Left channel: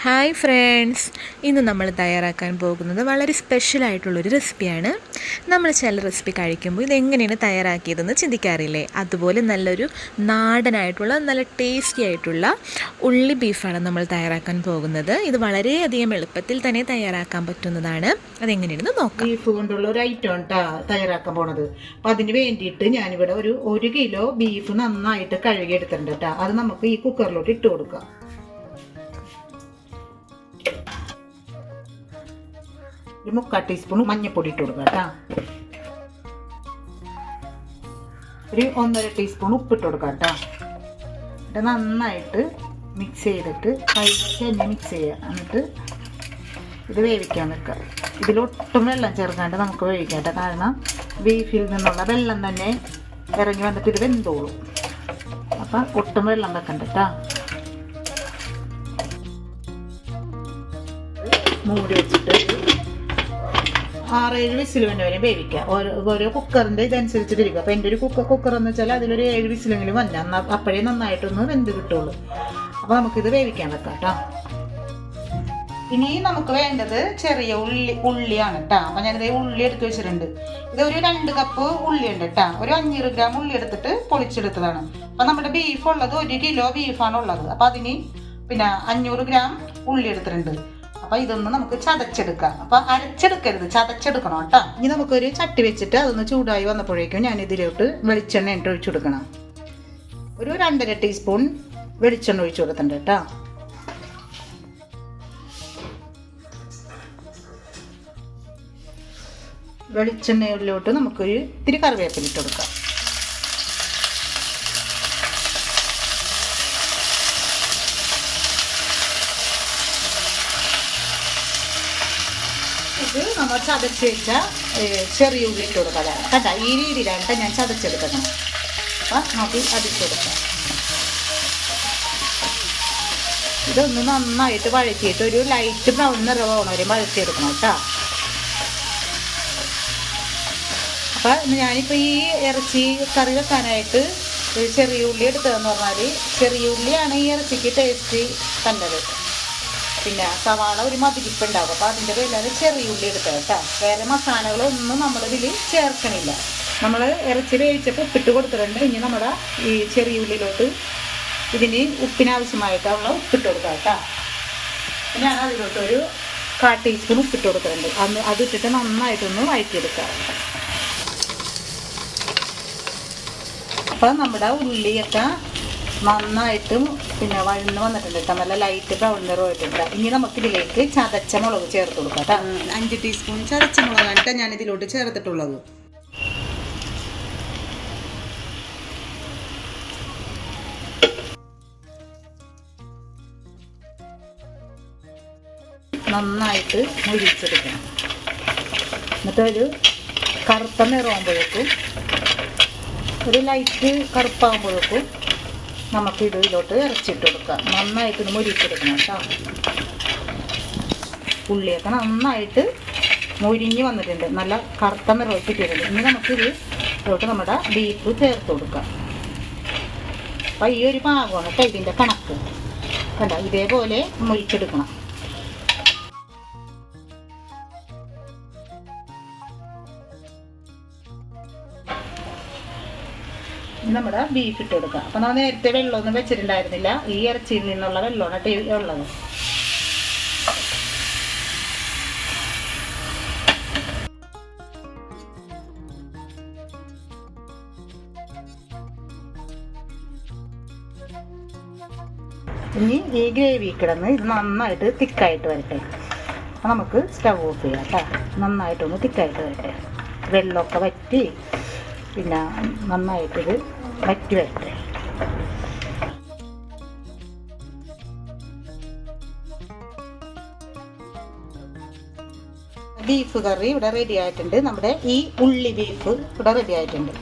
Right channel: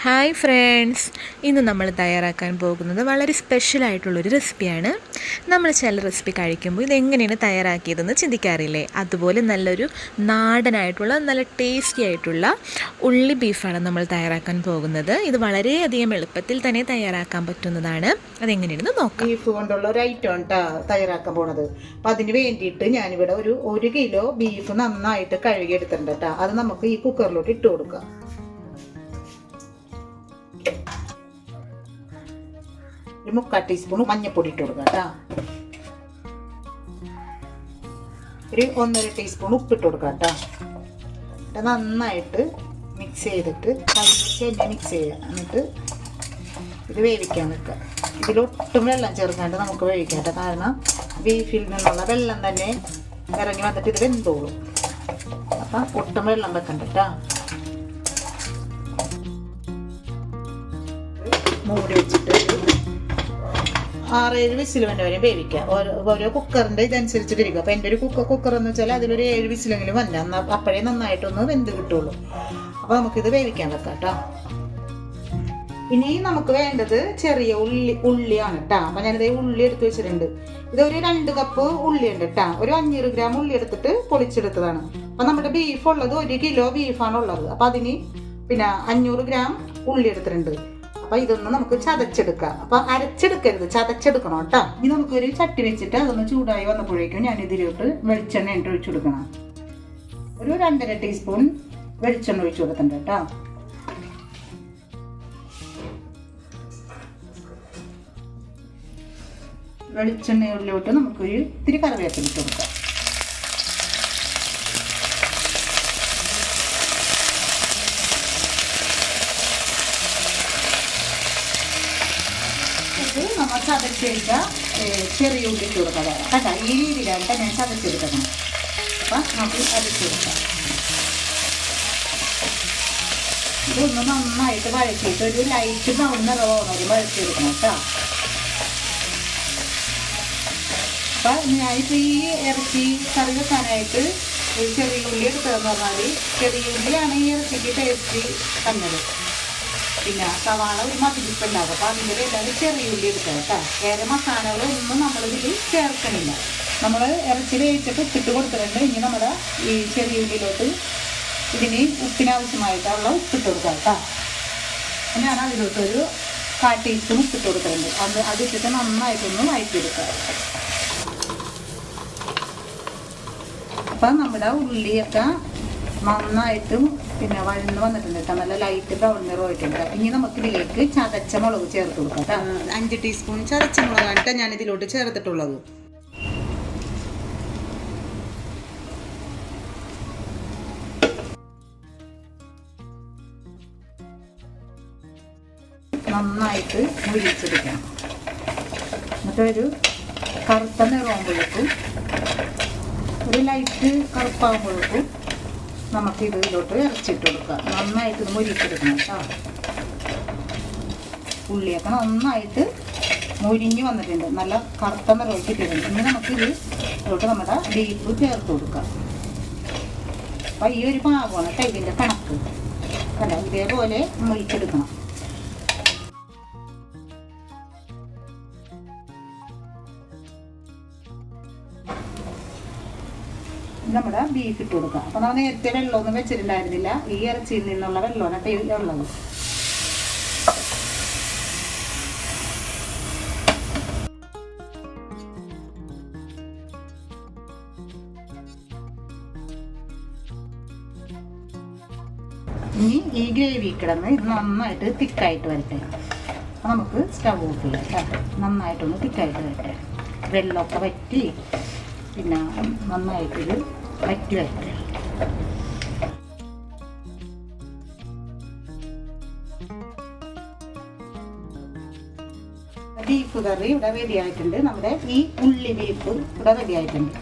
Hi friends, ഇന്ന് നമ്മൾ തയ്യാറാക്കാൻ പോകുന്നത് വളരെ സ്പെഷ്യലായിട്ടുള്ളൊരു റെസിപ്പിയാണ്. നമ്മൾ ചില റെസിപ്പി കഴിക്കുമ്പോൾ ഇതെങ്ങനെയാണ് തയ്യാറാക്കിയതെന്ന് ചിന്തിക്കാറില്ലേ? അതുപോലെ നല്ലൊരു നാടനായിട്ടുള്ള നല്ല ടേസ്റ്റി ആയിട്ടുള്ള ഉള്ളി ബീഫാണ് നമ്മൾ തയ്യാറാക്കാൻ പോകുന്നത്. ഇത് വളരെയധികം എളുപ്പത്തിൽ തന്നെ തയ്യാറാക്കാൻ പറ്റുന്നതാണ്. അതെങ്ങനെയാണെന്ന് നോക്കാം. ബീഫ് കൊണ്ടുള്ള ഒരു ഐറ്റം തയ്യാറാക്കാൻ പോണത്. അപ്പം അതിന് വേണ്ടിയിട്ട് ഞാനിവിടെ ഒരു കിലോ ബീഫ് നന്നായിട്ട് കഴുകിയെടുത്തിട്ടുണ്ട് കേട്ടോ. അത് നമുക്ക് ഈ കുക്കറിലോട്ട് ഇട്ട് കൊടുക്കാം. ഒരു 3/4 ടീസ്പൂൺ മഞ്ഞൾപ്പൊടി ഇട്ട് കൊടുക്കാം കേട്ടോ. ഒരു 1.5 ടീസ്പൂൺ ഉപ്പിട്ട് കൊടുക്കാം കേട്ടോ. എന്നിട്ട് നന്നായിട്ട് മിക്സ് ചെയ്തിട്ട് കൈവച്ച് മിക്സ് ചെയ്യാം. എന്നിട്ട് ഇത് വേവിക്കാൻ വെക്കാം. ഇതിലൊട്ടും വെള്ളം ചേർക്കാണ്ട് നമുക്ക് വേവിക്കാം കേട്ടോ. കാരണം ബീഫിൽ നിന്നുള്ള വെള്ളം തന്നെ ഇറങ്ങി വന്നിട്ട് ഇത് വെന്തോളും. അപ്പം ഒട്ടും വെള്ളം വെക്കണ്ട കേട്ടോ. മൂടി വെച്ചിട്ട് 6-7 വിസിൽ വരെ വേവിക്കാം. ഓരോ കുക്കറിൻ്റെ ഇതനുസരിച്ചിട്ട് ഇരിക്കും. അപ്പോൾ എൻ്റെ ഒരു കുക്കർ എന്ന് വെച്ചാൽ അതിലൊരു 7 വിസിലെങ്കിലും വന്നാൽ എന്നാൽ അപ്പോഴേ നന്നായിട്ടൊന്ന് വെന്ത് കിട്ടുള്ളൂ. അപ്പോൾ നമുക്കിത് വേവിക്കാൻ വെക്കാം കേട്ടോ. ഇനി നമുക്ക് വേണ്ടത് ചെറിയ ഉള്ളിയാണ് കേട്ടോ. അപ്പം ഞാനിത് ഉള്ളി എടുത്ത് വെച്ചിട്ടുണ്ട്. ഇതൊരു 2 കപ്പ് ഉള്ളി ഉണ്ട് കേട്ടോ. ഒരു 500 ഗ്രാം ഉള്ളി എടുത്തിട്ട് പൊളിച്ചെടുത്തതാണ്. അപ്പം നമ്മുടെ ബീഫ് ഉള്ളത് 1 കിലോ ബീഫാണ് ഉള്ളത്. അപ്പം അതിന് 500 ഗ്രാം ഉള്ളി എടുത്തിട്ടുണ്ട്. അപ്പൊ ഇതൊന്ന് നമുക്ക് ചതച്ചെടുക്കാം. അപ്പൊ അരച്ചെടുക്കരുത്, ചതച്ചെടുക്കണം കേട്ടോ. ഇനി നമുക്കൊരു ചട്ടി വെച്ചിട്ട് അതൊന്ന് ചൂടായി വന്നപ്പോഴേക്കും ഞാൻ ഇതിലോട്ട് വെളിച്ചെണ്ണ ഒഴിച്ചു കൊടുക്കണം. ഒരു 2.5 ടീസ്പൂൺ വെളിച്ചെണ്ണ ഒഴിച്ചു കൊടുത്തിട്ടുണ്ട് കേട്ടോ. വെളിച്ചെണ്ണയിലോട്ട് നമുക്കൊരു ഇത്തിരി കറിവേപ്പില ഇട്ട് കൊടുക്കാം. നമ്മൾ ചതച്ചെടുത്ത ചെറിയ ഉള്ളി ഇട്ട് കൊടുക്കാം കേട്ടോ. ഈ രീതിയിലാണ് ഞാൻ ചതച്ചെടുക്കണം. അപ്പം നമുക്ക് ചതച്ചെടുക്കാം. ഇതൊന്ന് നന്നായിട്ട് വഴറ്റിയിട്ട് ഒരു ലൈറ്റ് ബ്രൗൺ നിറമാവുന്ന വരെ വഴറ്റിയെടുക്കണം കേട്ടോ. അപ്പം ഞാനിപ്പോൾ ഈ ഇറച്ചി കറി വെക്കാനായിട്ട് ഒരു ചെറിയ ഉള്ളി എടുത്തതെന്ന് പറഞ്ഞാൽ ചെറിയ ഉള്ളിയാണ് ഈ ഇറച്ചിക്ക് ടേസ്റ്റ് കണ്ടത്. സവാള ഒരു മതിരിപ്പുണ്ടാവും. അപ്പോൾ അതിൻ്റെ പേരിലാണ് ചെറിയ ഉള്ളി എടുത്തത് കേട്ടോ. വേറെ മസാലകളൊന്നും നമ്മളിതിൽ ചേർക്കണില്ല. നമ്മൾ ഇറച്ചി വേവിച്ചിട്ട് ഉപ്പിട്ട് കൊടുത്തിട്ടുണ്ട്. ഇനി നമ്മുടെ ഈ ചെറിയ ഉള്ളിലോട്ട് ഇതിന് ഉപ്പിനാവശ്യമായിട്ടുള്ള ഉപ്പിട്ട് കൊടുക്കാം കേട്ടോ. ഞാൻ അതിലോട്ടൊരു 1/4 ടീസ്പൂൺ ഉപ്പിട്ട് കൊടുത്തിട്ടുണ്ട്. അതിട്ടിട്ട് നന്നായിട്ടൊന്ന് വഴറ്റിയെടുക്കാം. അപ്പം നമ്മുടെ ഉള്ളിയൊക്കെ നന്നായിട്ട് വഴന്ന് വന്നിട്ടുണ്ട് കേട്ടോ. നല്ല ലൈറ്റ് ബ്രൗൺ നിറമായിട്ടുണ്ട്. ഇനി നമുക്ക് ഇതിലേക്ക് ചതച്ച മുളക് ചേർത്ത് കൊടുക്കാം കേട്ടോ. 5 ടീസ്പൂൺ ചതച്ച മുളകാണ് കേട്ടോ ഞാൻ ഇതിലോട്ട് ചേർത്തിട്ടുള്ളത്. നന്നായിട്ട് മുരിച്ചെടുക്കണം. എന്നിട്ട് ഒരു കറുത്ത നിറമാകുമ്പോഴേക്കും ഒരു ലൈറ്റ് കറുപ്പാകുമ്പോഴേക്കും നമുക്ക് ഇതിലോട്ട് ഇറച്ചിട്ട് കൊടുക്കാം. നന്നായിട്ട് മുരിച്ചെടുക്കണം കേട്ടോ. ഉള്ളിയൊക്കെ നന്നായിട്ട് മുരിഞ്ഞ് വന്നിട്ടുണ്ട്. നല്ല കറുത്ത നിറച്ചിട്ടുണ്ട്. ഇനി നമുക്കിത് ഇതിലോട്ട് നമ്മുടെ ബീഫ് ചേർത്ത് കൊടുക്കാം. അപ്പം ഈ ഒരു പാകമാണ് കേട്ടോ ഇതിൻ്റെ കണക്ക്. അല്ല, ഇതേപോലെ മുരിച്ചെടുക്കണം. നമ്മുടെ ബീഫ് ഇട്ട് കൊടുക്കുക. അപ്പം നമ്മൾ നേരത്തെ വെള്ളമൊന്നും വെച്ചിട്ടുണ്ടായിരുന്നില്ല. ഈ ഇറച്ചിയിൽ നിന്നുള്ള വെള്ളമാണ് ഉള്ളത്. ഇനി ഈ ഗ്രേവി കിടന്ന് ഇത് നന്നായിട്ട് തിക്കായിട്ട് വരട്ടെ. അപ്പം നമുക്ക് സ്റ്റവ് ഓഫ് ചെയ്യാം കേട്ടോ. നന്നായിട്ടൊന്ന് തിക്കായിട്ട് വരട്ടെ. വെള്ളമൊക്കെ വറ്റി നന്നായിട്ടൊരു വറ്റി വരട്ടെ. ബീഫ് കറി ഇവിടെ റെഡി ആയിട്ടുണ്ട്. നമ്മുടെ ഈ ഉള്ളി ബീഫ് ഇവിടെ റെഡി ആയിട്ടുണ്ട്.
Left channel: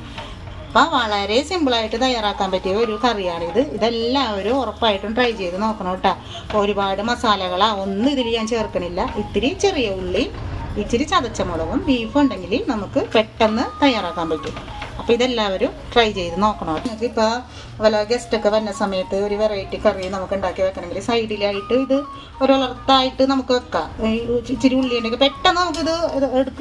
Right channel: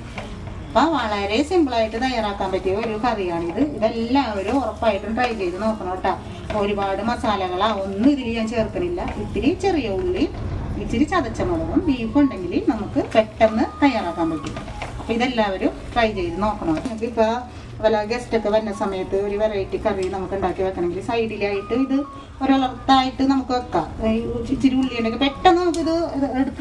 അപ്പം വളരെ സിമ്പിളായിട്ട് തയ്യാറാക്കാൻ പറ്റിയ ഒരു കറിയാണിത്. ഇതെല്ലാവരും ഉറപ്പായിട്ടും ട്രൈ ചെയ്ത് നോക്കണം കേട്ടോ. ഒരുപാട് മസാലകളാ ഒന്നും ഇതിൽ ഞാൻ ചേർക്കണില്ല. ഇത്തിരി ചെറിയ ഉള്ളി, ഇച്ചിരി ചതച്ച മുളകും ബീഫും ഉണ്ടെങ്കിൽ നമുക്ക് പെട്ടെന്ന് തയ്യാറാക്കാൻ പറ്റും. അപ്പോൾ ഇതെല്ലാവരും ട്രൈ ചെയ്ത് നോക്കണം. നിങ്ങൾക്ക് ഇപ്പോൾ വല്ല ഗസ്റ്റൊക്കെ വരുന്ന സമയത്ത് ഒരു വെറൈറ്റി കറി നമുക്ക് ഉണ്ടാക്കി വെക്കണമെങ്കിൽ സൈഡിലായിട്ട് ഇത് ഒരളത്തായിട്ട് നമുക്ക് വെക്കാം. ഇച്ചിരി ഉള്ളിയുണ്ടെങ്കിൽ പെട്ടെന്ന് നമുക്കിത്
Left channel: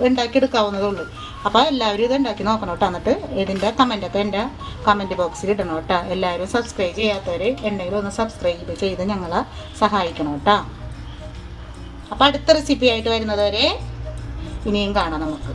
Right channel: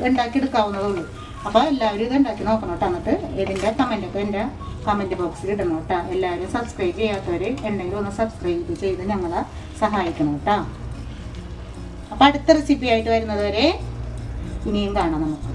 ഉണ്ടാക്കി എടുക്കാവുന്നതുള്ളൂ. അപ്പോൾ എല്ലാവരും ഇത് ഉണ്ടാക്കി നോക്കണം കേട്ടോ. എന്നിട്ട് ഇതിൻ്റെ കമൻറ്റൊക്കെ എൻ്റെ കമൻറ്റ് ബോക്സിൽ ഇടണം കേട്ടോ. എല്ലാവരും സബ്സ്ക്രൈബ് ചെയ്യാത്തവർ എന്തെങ്കിലും ഒന്ന് സബ്സ്ക്രൈബ് ചെയ്ത് ഞങ്ങളെ സഹായിക്കണം കേട്ടോ. അപ്പോൾ അടുത്ത റെസിപ്പി ആയിട്ട് വരുന്നത് വരെ ഇനിയും കാണാം നമുക്ക്.